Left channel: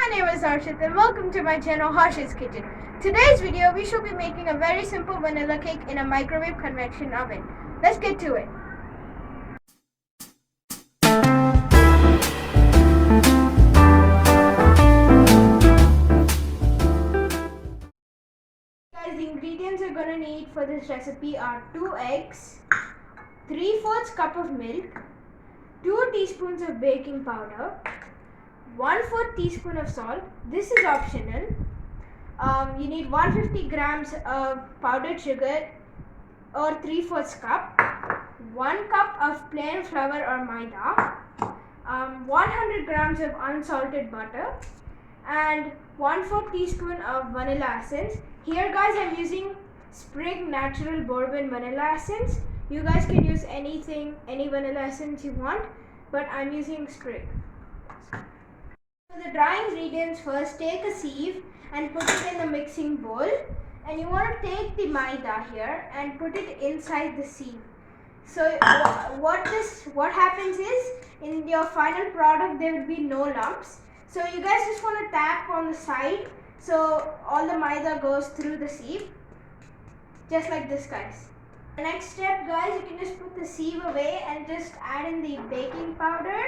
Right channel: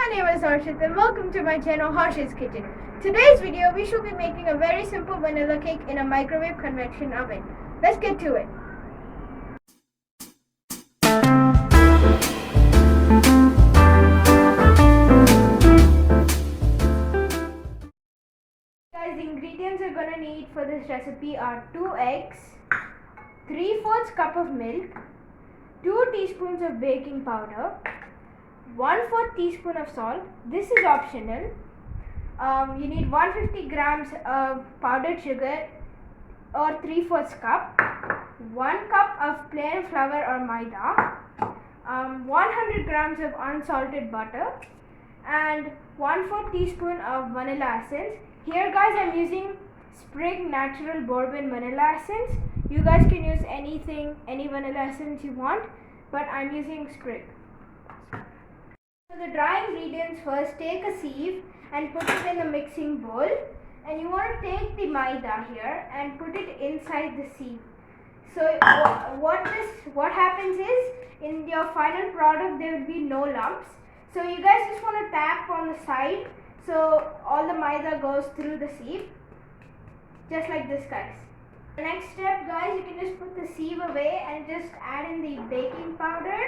My name is Harshit and welcome to my channel Harshit's Kitchen. Today's video we shall be making a very simple vanilla cake in a microwave convection oven. Let's get to it. Guys, the ingredients you're going to need for this recipe are 2 eggs, 3/4 cup of milk, 2 teaspoons of baking powder, 1/4 teaspoon of salt. This is optional. You need 150 grams of powdered sugar or 3/4 cup, 1 cup of plain flour or Maida, 100 grams of unsalted butter, and 1/4 teaspoon of vanilla essence. Here guys, I'm using Sprig Natural Bourbon Vanilla Essence. You guys can use any vanilla essence you want, but I'm using Sprig. For the dry ingredients, first take a sieve and put it in the mixing bowl, and you want to take the Maida here and put it inside the sieve. So what happens is, in your final product there will be no lumps. So you guys just want to tap on the side so all the Maida goes through the sieve, just like this guys. The next step guys, you can just put the sieve away and just add in the baking powder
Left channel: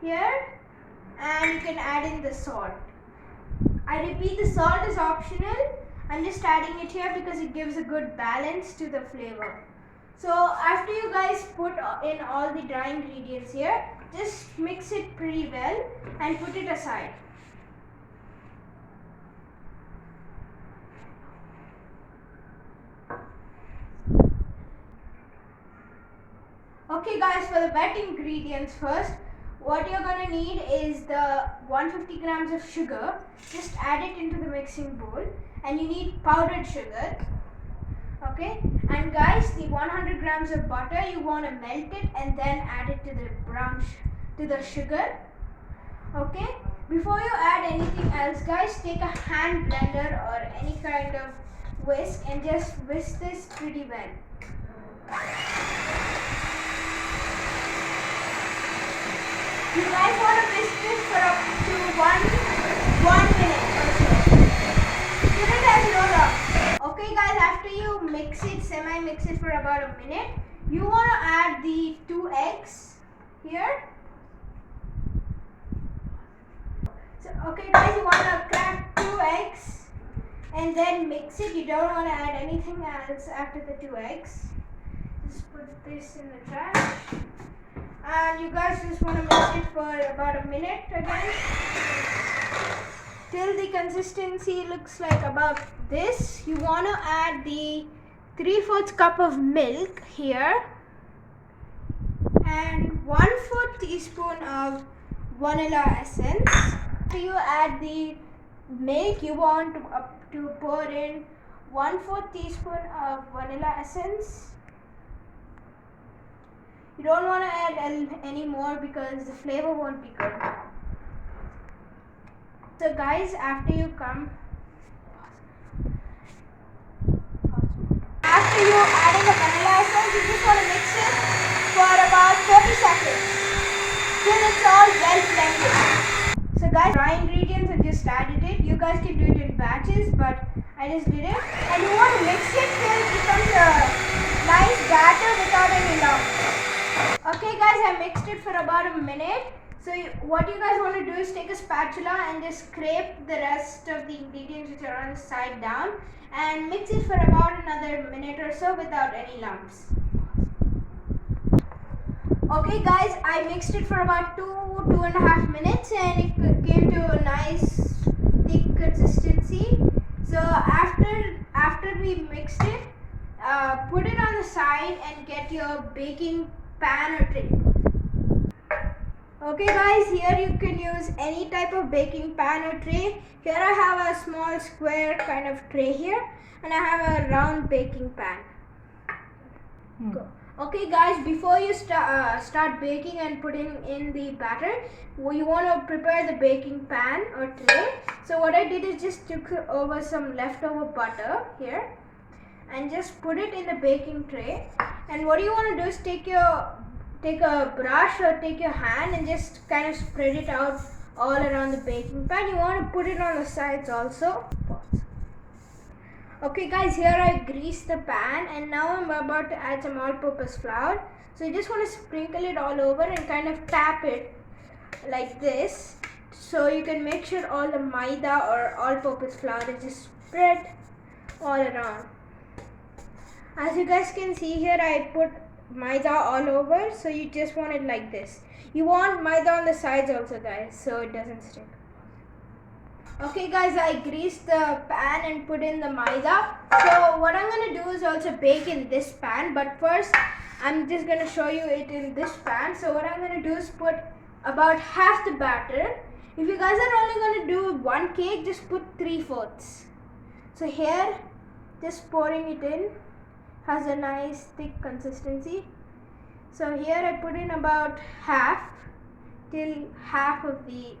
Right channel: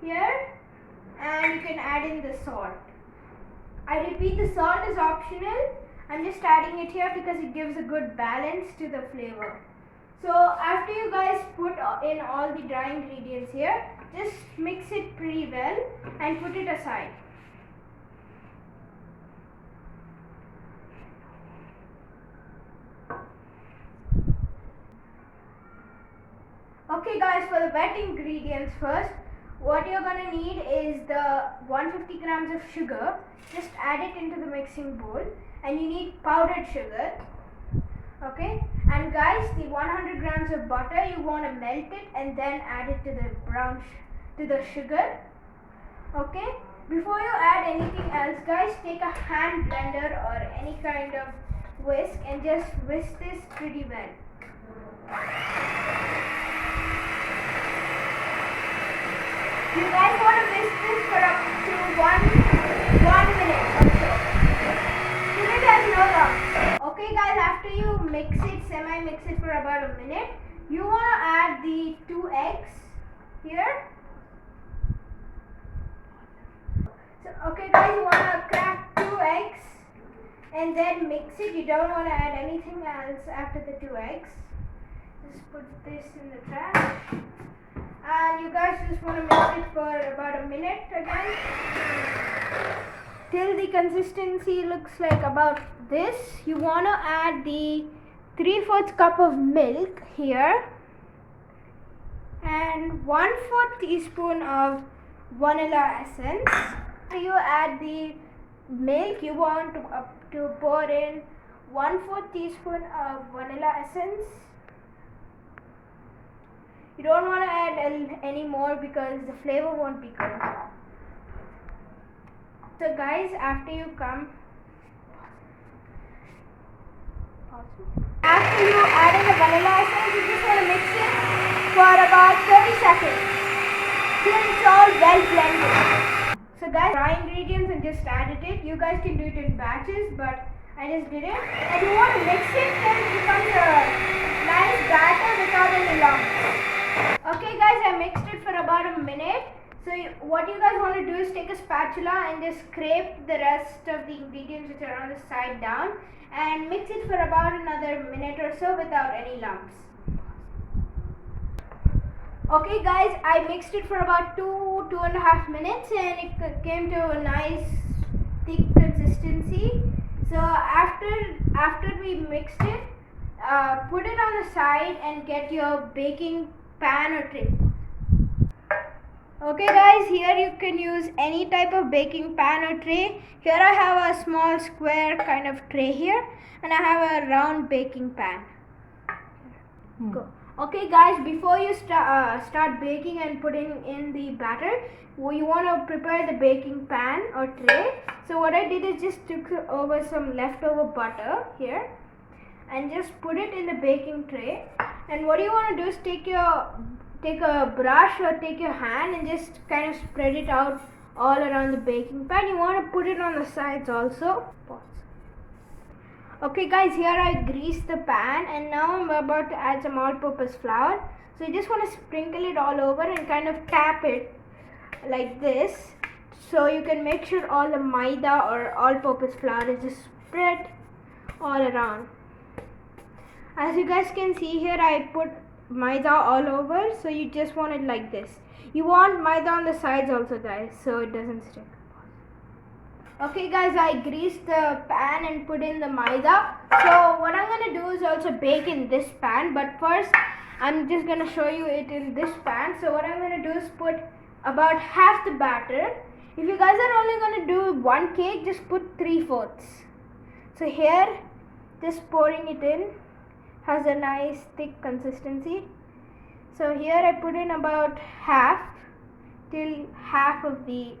here, and you can add in the salt. I repeat, the salt is optional. I'm just adding it here because it gives a good balance to the flavor. So after you guys put in all the dry ingredients here, just mix it pretty well and put it aside. Okay guys, for the wet ingredients first, what you're going to need is the 150 grams of sugar. Just add it into the mixing bowl, and you need powdered sugar. Okay, and guys, the 100 grams of butter, you want to melt it and then add it to the sugar. Okay, before you add anything else guys, take a hand blender or any kind of whisk and just whisk this pretty well. You guys want to whisk this for up to one minute or so. Till it has no lumps. Okay guys, after you semi-mix it for about a minute, you want to add the 2 eggs here. So, okay guys, you want to crack 2 eggs and then mix it. You don't want to add anything else after the 2 eggs. Just put this in the trash. And you guys just want to mix it for about a minute again, till the consistency looks like about this. You want to add the 3/4 cup of milk here and 1/4 teaspoon of vanilla essence. After you add the milk, you want to pour in 1/4 teaspoon of vanilla essence. You don't want to add any more because the flavor won't be good. So guys, after you add in the vanilla essence, you just want to mix it for about 30 seconds till it's all well blended. So guys, dry ingredients, I just added it. You guys can do it in batches, but I just did it. And you want to mix it till it becomes a nice batter without any lumps. Okay guys, I mixed it for about a minute. So what you guys want to do is take a spatula and just scrape the rest of the ingredients which are on the side down and mix it for about another minute or so without any lumps. Okay guys, I mixed it for about 2.5 minutes and it came to a nice thick consistency. So after we mixed it, put it on the side and get your baking pan or tray. Okay guys, here you can use any type of baking pan or tray. Here I have a small square kind of tray here, and I have a round baking pan. Okay guys, before you start baking and putting in the batter, you want to prepare the baking pan or tray. So what I did is just took over some leftover butter here and just put it in the baking tray. And what you want to do is take a brush or take your hand and just kind of spread it out all around the baking pan. You want to put it on the sides also. Okay guys, here I greased the pan and now I'm about to add some all-purpose flour. So you just want to sprinkle it all over and kind of tap it like this, so you can make sure all the Maida or all-purpose flour is just spread all around. As you guys can see here, I put Maida all over, so you just want it like this. You want Maida on the sides also guys, so it doesn't stick. Okay guys, I greased the pan and put in the Maida. So what I'm going to do is also bake in this pan, but first I'm just going to show you it in this pan. So what I'm going to do is put about half the batter. If you guys are only going to do one cake, just put 3/4. So here, just pouring it in, has a nice thick consistency. So here I put in about half, till half of the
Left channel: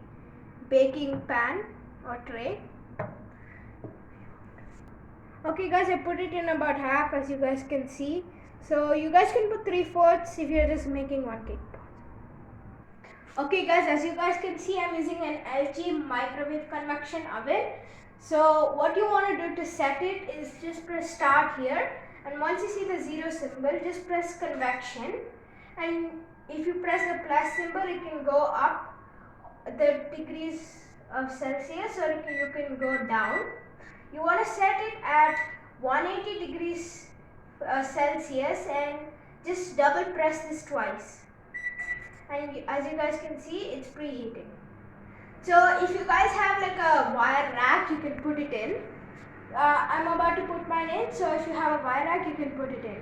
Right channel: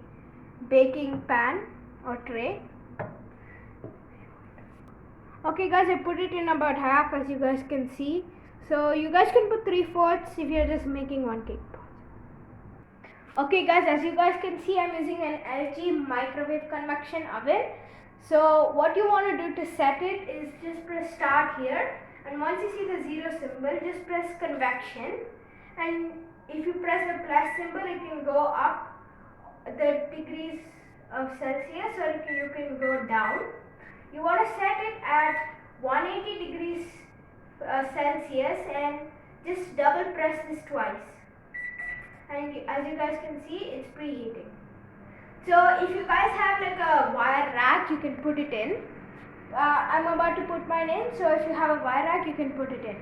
baking pan or tray. Okay guys, I put it in about half, as you guys can see. So you guys can put 3/4 if you're just making one cake. Okay guys, as you guys can see, I'm using an LG microwave convection oven. So what you want to do to set it is just press start here, and once you see the 0 symbol, just press convection, and if you press the plus symbol, it can go up the degrees of Celsius, or you can go down. You want to set it at 180 degrees Celsius and just double press this twice. And as you guys can see, it's preheating. So if you guys have like a wire rack, you can put it in. I'm about to put mine in, so if you have a wire rack, you can put it in.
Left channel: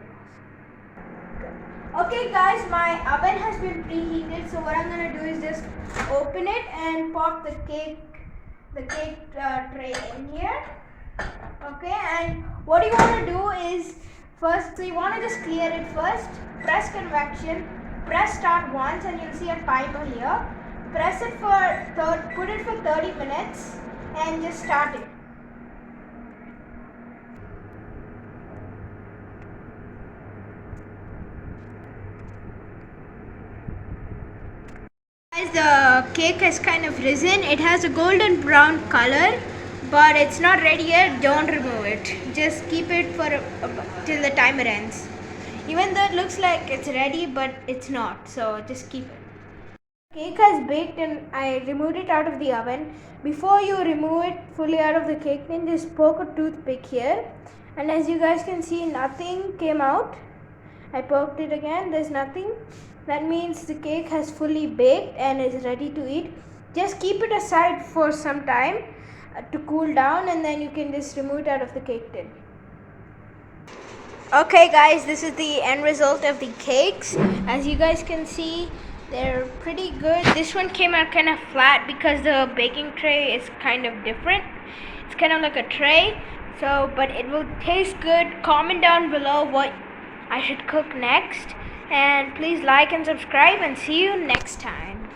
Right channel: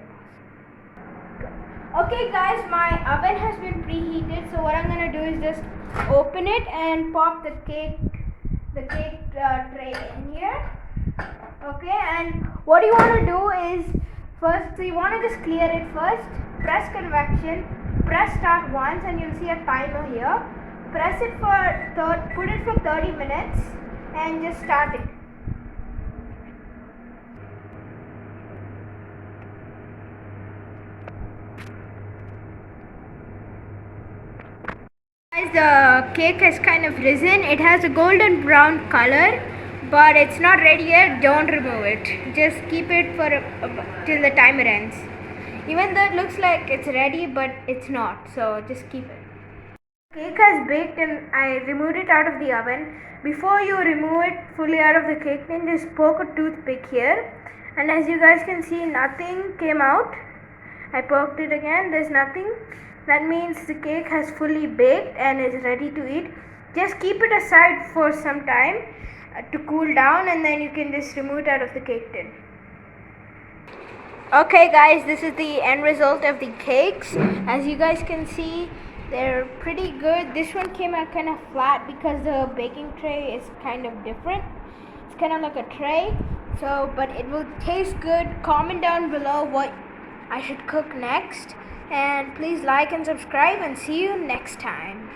Okay guys, my oven has been preheated, so what I'm going to do is just open it and pop the cake tray in here. Okay, and what you want to do is first, so you want to just clear it first, press convection, press start once, and you'll see a timer here. Press it for put it for 30 minutes and just start it. Guys, the cake has kind of risen. It has a golden brown color, but it's not ready yet. Don't remove it. Just keep it for till the timer ends. Even though it looks like it's ready, but it's not. So just keep it. Cake has baked and I removed it out of the oven. Before you remove it fully out of the cake tin, just poke a toothpick here. And as you guys can see, nothing came out. I poked it again. There's nothing. That means the cake has fully baked and is ready to eat. Just keep it aside for some time to cool down, and then you can just remove it out of the cake tin. Okay guys, this is the end result of the cakes. As you guys can see, they're pretty good. This one came out kind of flat because the baking tray is kind of different. It's kind of like a tray. So, but it will taste good. Comment down below what I should cook next. And please like and subscribe, and see you next time.